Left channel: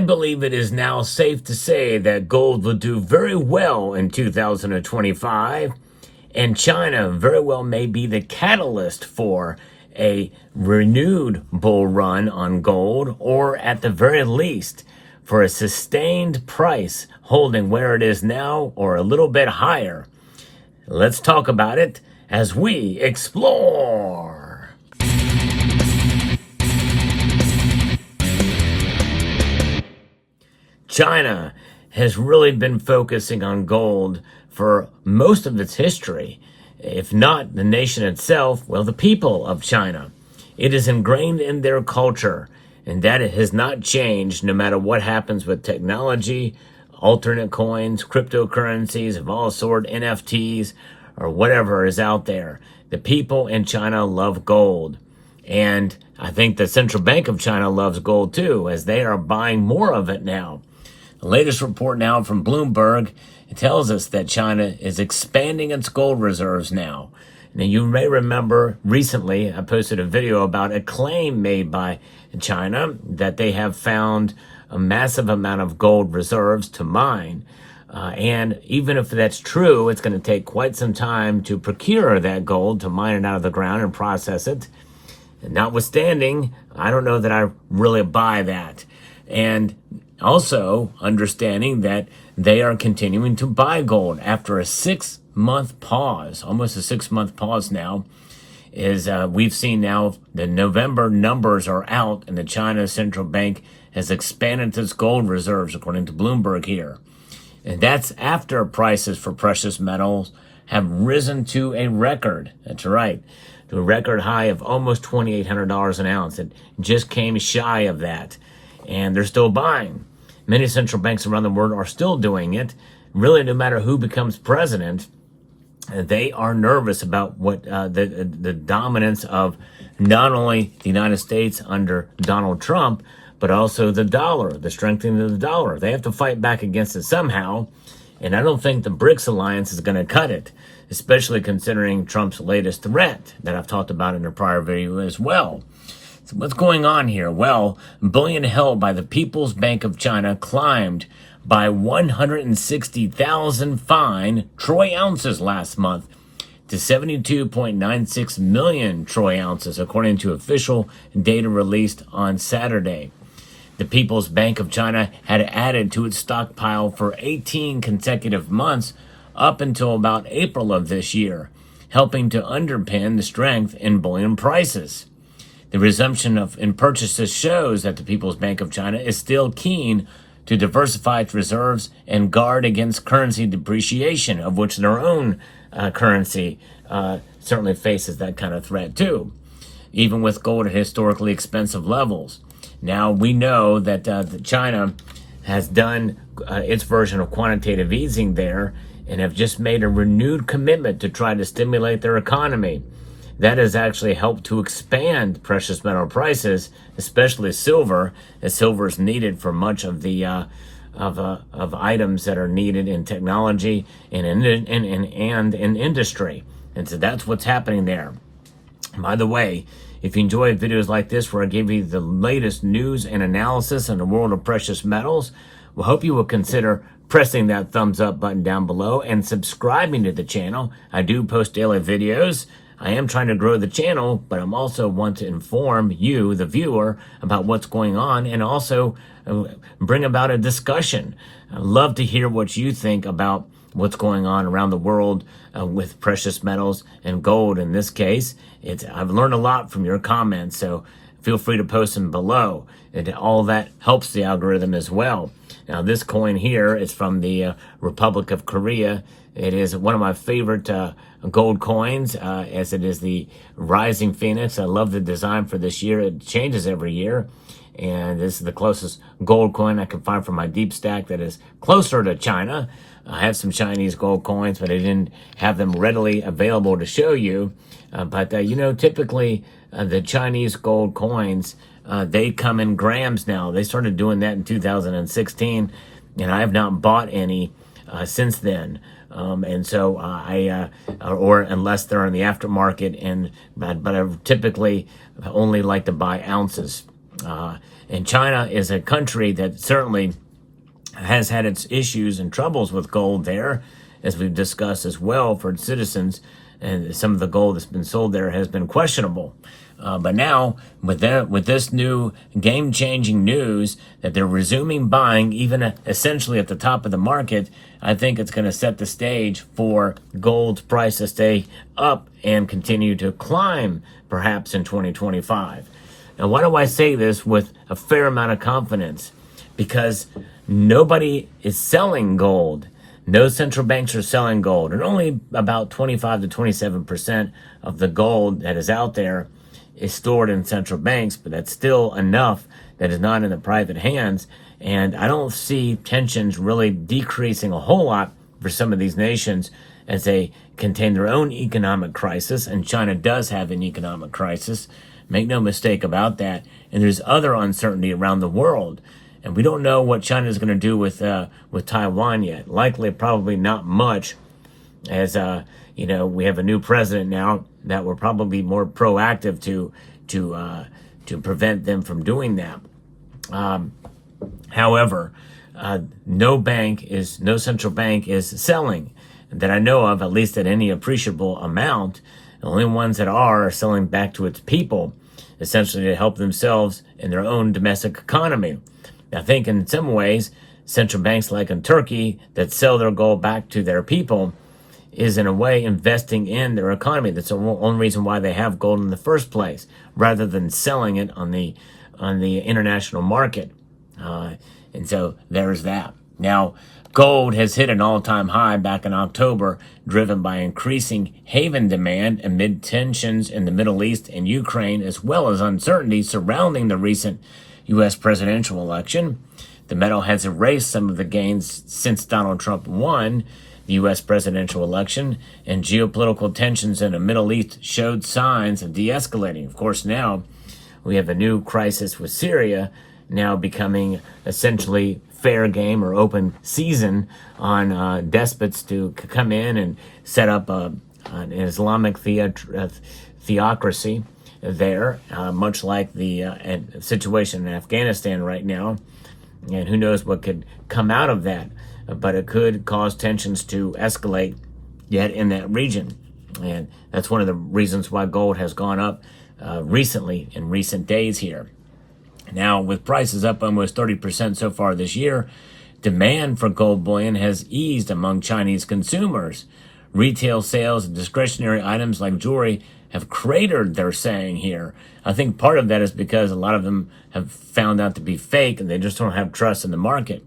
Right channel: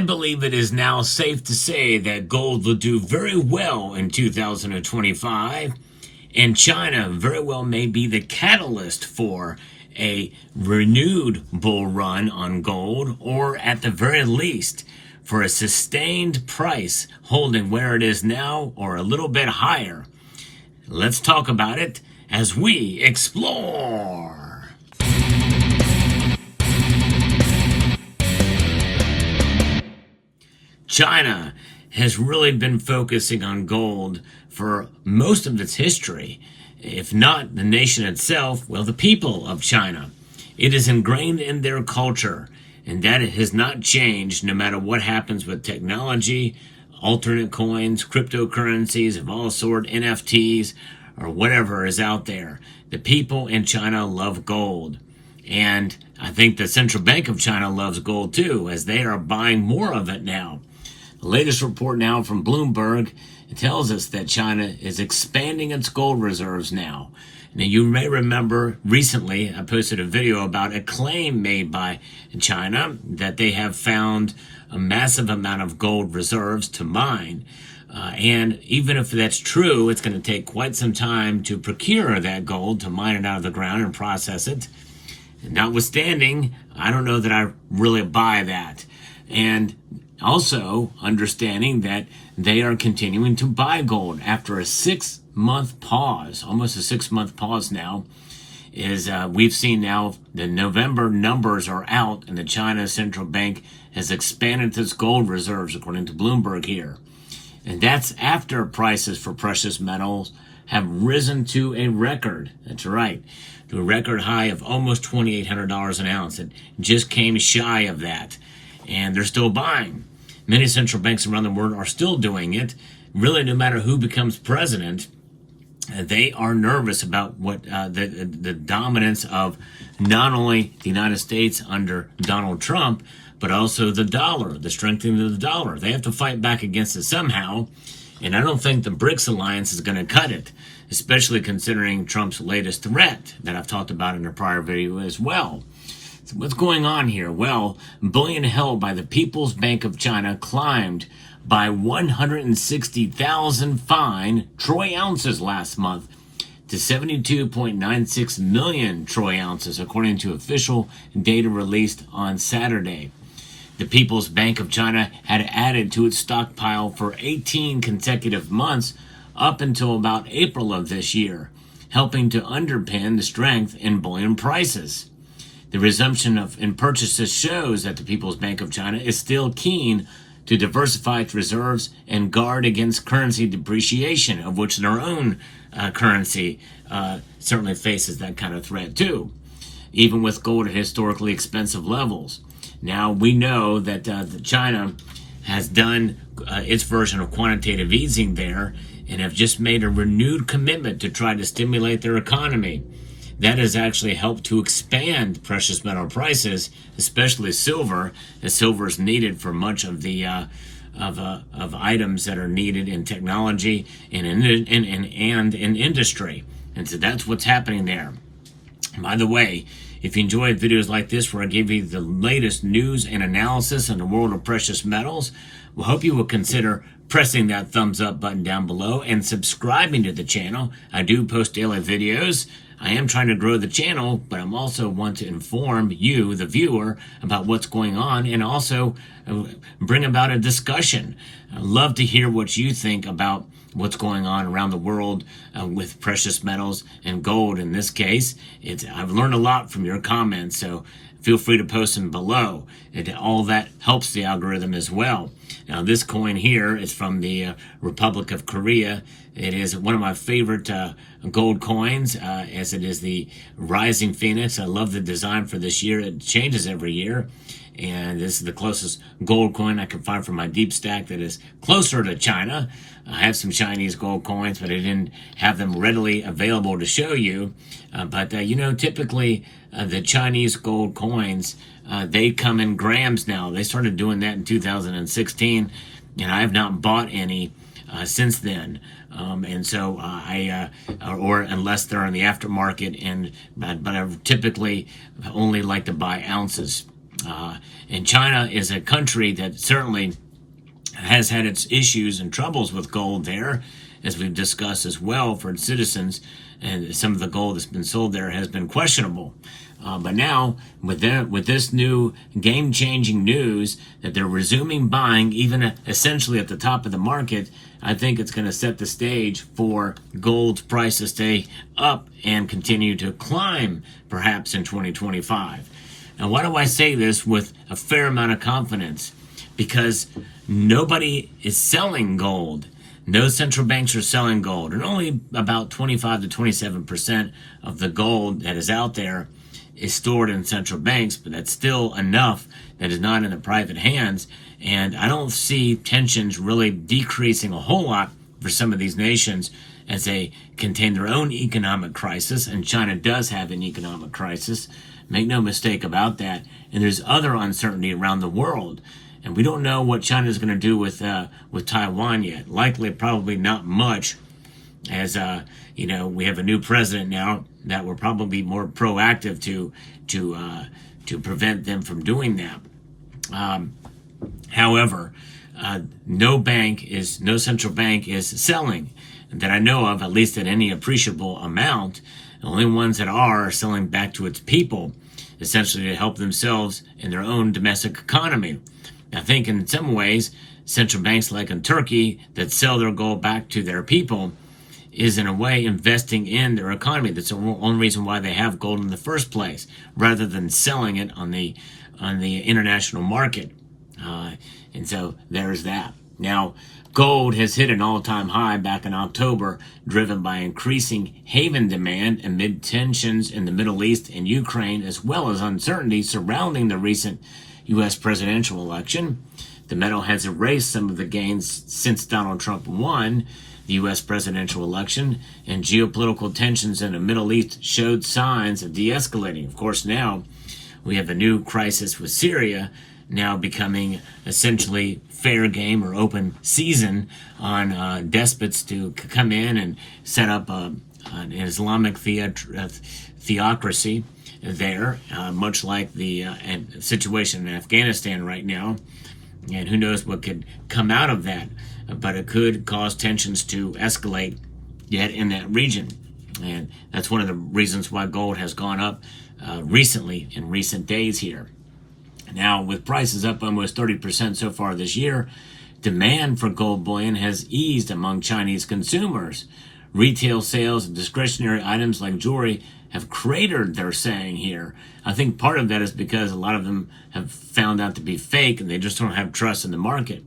I believe it is now safe to say that gold will do very well in 2025, and China very well may be the catalyst for a renewed bull run on gold, or at the very least, for a sustained price holding where it is now or a little bit higher. Let's talk about it as we explore. China has really been focusing on gold for most of its history. If not the nation itself, well, the people of China. It is ingrained in their culture, and that it has not changed no matter what happens with technology, alternate coins, cryptocurrencies of all sorts, NFTs, or whatever is out there. The people in China love gold. And I think the Central Bank of China loves gold too, as they are buying more of it now. The latest report now from Bloomberg tells us that China is expanding its gold reserves now. Now, you may remember recently I posted a video about a claim made by China that they have found a massive amount of gold reserves to mine. And even if that's true, it's going to take quite some time to procure that gold, to mine it out of the ground and process it. And notwithstanding, I don't know that I really buy that. And also understanding that they are continuing to buy gold after a 6-month pause, almost a 6-month pause now, is we've seen now the November numbers are out, and the China Central Bank has expanded its gold reserves, according to Bloomberg here. And that's after prices for precious metals have risen to a record. That's right, to a record high of almost $2,800 an ounce. It just came shy of that. And they're still buying. Many central banks around the world are still doing it. Really, no matter who becomes president, they are nervous about what the dominance of not only the United States under Donald Trump, but also the dollar, the strengthening of the dollar. They have to fight back against it somehow, and I don't think the BRICS alliance is going to cut it, especially considering Trump's latest threat that I've talked about in a prior video as well. So what's going on here? Well, bullion held by the People's Bank of China climbed by 160,000 fine troy ounces last month to 72.96 million troy ounces, according to official data released on Saturday. The People's Bank of China had added to its stockpile for 18 consecutive months up until about April of this year, helping to underpin the strength in bullion prices. The resumption in purchases shows that the People's Bank of China is still keen to diversify its reserves and guard against currency depreciation, of which their own currency certainly faces that kind of threat too, even with gold at historically expensive levels. Now, we know that China has done its version of quantitative easing there and have just made a renewed commitment to try to stimulate their economy. That has actually helped to expand precious metal prices, especially silver, as silver is needed for much of the of items that are needed in technology and in industry. And so that's what's happening there. By the way, if you enjoy videos like this where I give you the latest news and analysis in the world of precious metals, we hope you will consider pressing that thumbs up button down below and subscribing to the channel. I do post daily videos. I am trying to grow the channel, but I'm also want to inform you, the viewer, about what's going on and also bring about a discussion. I'd love to hear what you think about what's going on around the world with precious metals and gold. In this case, I've learned a lot from your comments, so feel free to post them below. All that helps the algorithm as well. Now, this coin here is from the Republic of Korea. It is one of my favorite gold coins, as it is the Rising Phoenix. I love the design for this year. It changes every year. And this is the closest gold coin I can find from my deep stack that is closer to China. I have some Chinese gold coins, but I didn't have them readily available to show you. But typically the Chinese gold coins, they come in grams now. They started doing that in 2016, and I have not bought any since then. And so or unless they're in the aftermarket, but I typically only like to buy ounces. And China is a country that certainly has had its issues and troubles with gold there, as we've discussed as well, for its citizens. And some of the gold that's been sold there has been questionable. But now, with this new game-changing news that they're resuming buying, even essentially at the top of the market, I think it's going to set the stage for gold's price to stay up and continue to climb, perhaps in 2025. Now, why do I say this with a fair amount of confidence? Because nobody is selling gold. No central banks are selling gold, and only about 25 to 27% of the gold that is out there is stored in central banks, but that's still enough that is not in the private hands. And I don't see tensions really decreasing a whole lot for some of these nations as they contain their own economic crisis, and China does have an economic crisis. Make no mistake about that. And there's other uncertainty around the world. And we don't know what China is going to do with Taiwan yet. Likely, probably not much, as we have a new president now that will probably be more proactive to prevent them from doing that. However, no central bank is selling that I know of, at least at any appreciable amount. The only ones that are selling back to its people, essentially to help themselves in their own domestic economy. I think in some ways, central banks like in Turkey that sell their gold back to their people is in a way investing in their economy. That's the only reason why they have gold in the first place, rather than selling it on the international market. And so there's that. Now, gold has hit an all-time high back in October, driven by increasing haven demand amid tensions in the Middle East and Ukraine, as well as uncertainty surrounding the recent U.S. presidential election. The metal has erased some of the gains since Donald Trump won the U.S. presidential election, and geopolitical tensions in the Middle East showed signs of de-escalating. Of course, now we have a new crisis with Syria now becoming essentially fair game or open season on despots to come in and set up an Islamic theocracy there, much like the situation in Afghanistan right now. And who knows what could come out of that, but it could cause tensions to escalate yet in that region. And that's one of the reasons why gold has gone up recently, in recent days here. Now, with prices up almost 30% so far this year, demand for gold bullion has eased among Chinese consumers. Retail sales of discretionary items like jewelry have cratered, they're saying here. I think part of that is because a lot of them have found out to be fake and they just don't have trust in the market.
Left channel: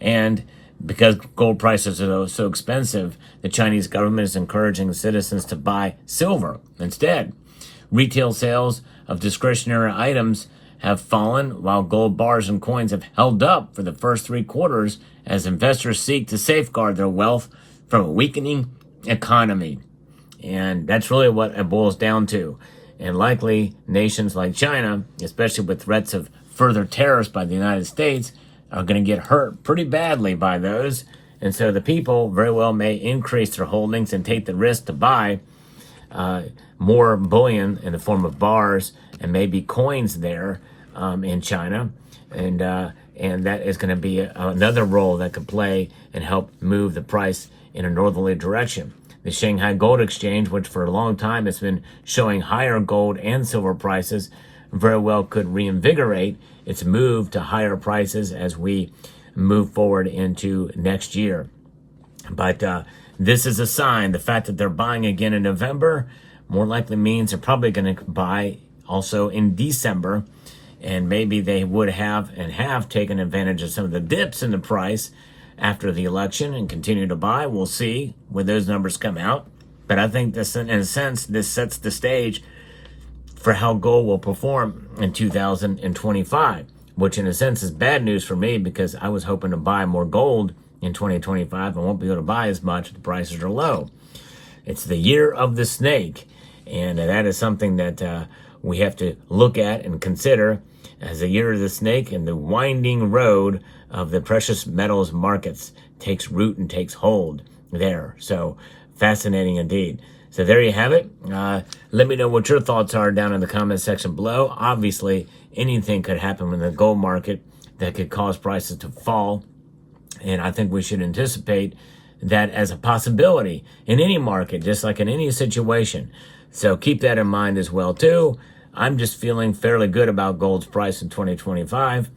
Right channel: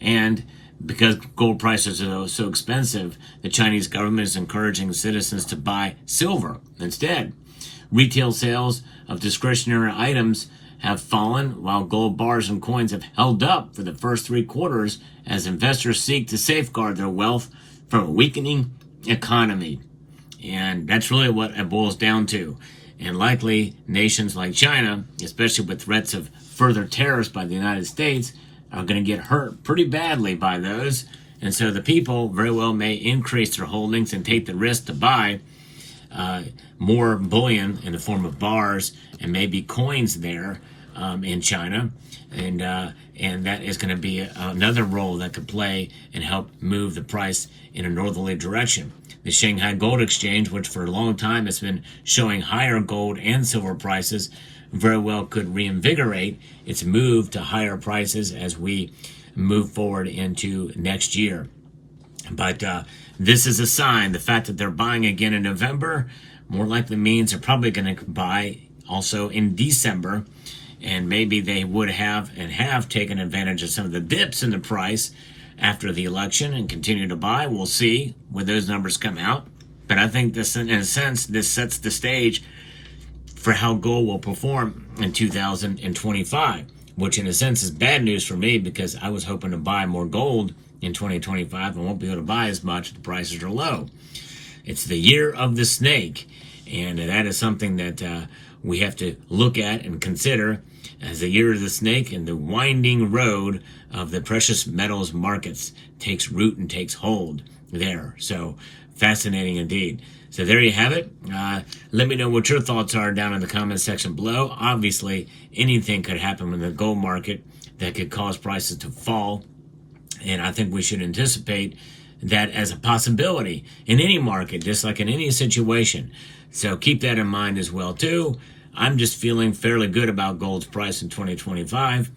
And because gold prices are so expensive, the Chinese government is encouraging citizens to buy silver instead. Retail sales of discretionary items have fallen, while gold bars and coins have held up for the first 3 quarters as investors seek to safeguard their wealth from a weakening economy. And that's really what it boils down to. And likely nations like China, especially with threats of further tariffs by the United States, are going to get hurt pretty badly by those. And so the people very well may increase their holdings and take the risk to buy more bullion in the form of bars and maybe coins there in China. And that is going to be another role that could play and help move the price in a northerly direction. The Shanghai Gold Exchange, which for a long time has been showing higher gold and silver prices, very well could reinvigorate its move to higher prices as we move forward into next year. But this is a sign. The fact that they're buying again in November more likely means they're probably going to buy also in December. And maybe they would have and have taken advantage of some of the dips in the price after the election and continue to buy. We'll see when those numbers come out. But I think this, in a sense, this sets the stage for how gold will perform in 2025, which in a sense is bad news for me because I was hoping to buy more gold in 2025 and won't be able to buy as much. The prices are low. It's the year of the snake, and that is something that we have to look at and consider as the year of the snake and the winding road of the precious metals markets takes root and takes hold there. So Fascinating indeed. So there you have it. Let me know what your thoughts are down in the comment section below. Obviously, anything could happen in the gold market that could cause prices to fall. And I think we should anticipate that as a possibility in any market, just like in any situation. So keep that in mind as well, too. I'm just feeling fairly good about gold's price in 2025.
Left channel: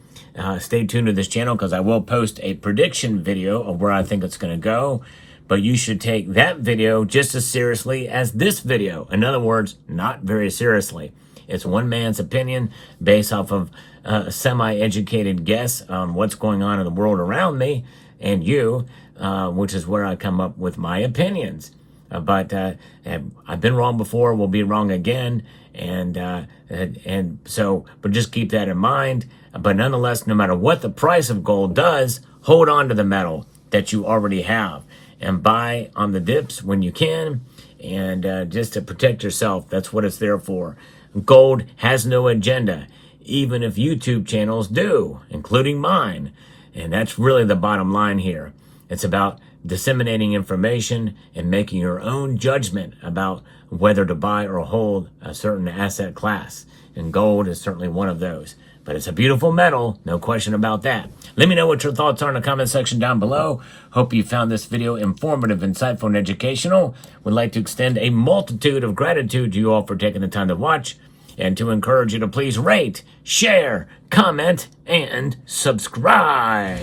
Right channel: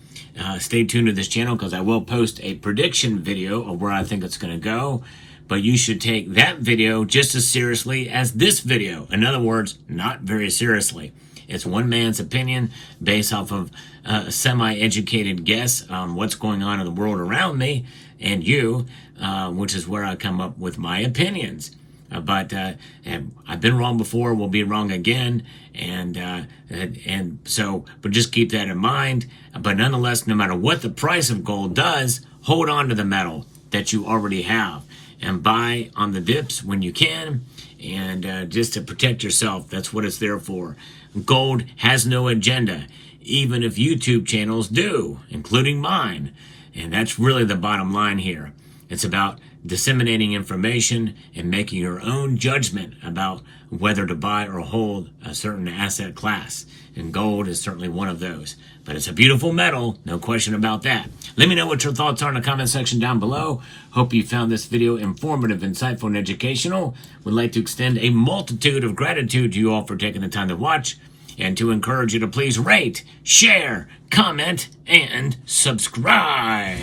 Stay tuned to this channel because I will post a prediction video of where I think it's going to go. But you should take that video just as seriously as this video. In other words, not very seriously. It's one man's opinion based off of a semi-educated guess on what's going on in the world around me and you, which is where I come up with my opinions. But I've been wrong before, will be wrong again, and so, but just keep that in mind. But nonetheless, no matter what the price of gold does, hold on to the metal that you already have and buy on the dips when you can, and just to protect yourself. That's what it's there for. Gold has no agenda, even if YouTube channels do, including mine. And that's really the bottom line here. It's about disseminating information and making your own judgment about whether to buy or hold a certain asset class. And gold is certainly one of those. But it's a beautiful metal, no question about that. Let me know what your thoughts are in the comment section down below. Hope you found this video informative, insightful, and educational. Would like to extend a multitude of gratitude to you all for taking the time to watch, and to encourage you to please rate, share, comment, and subscribe.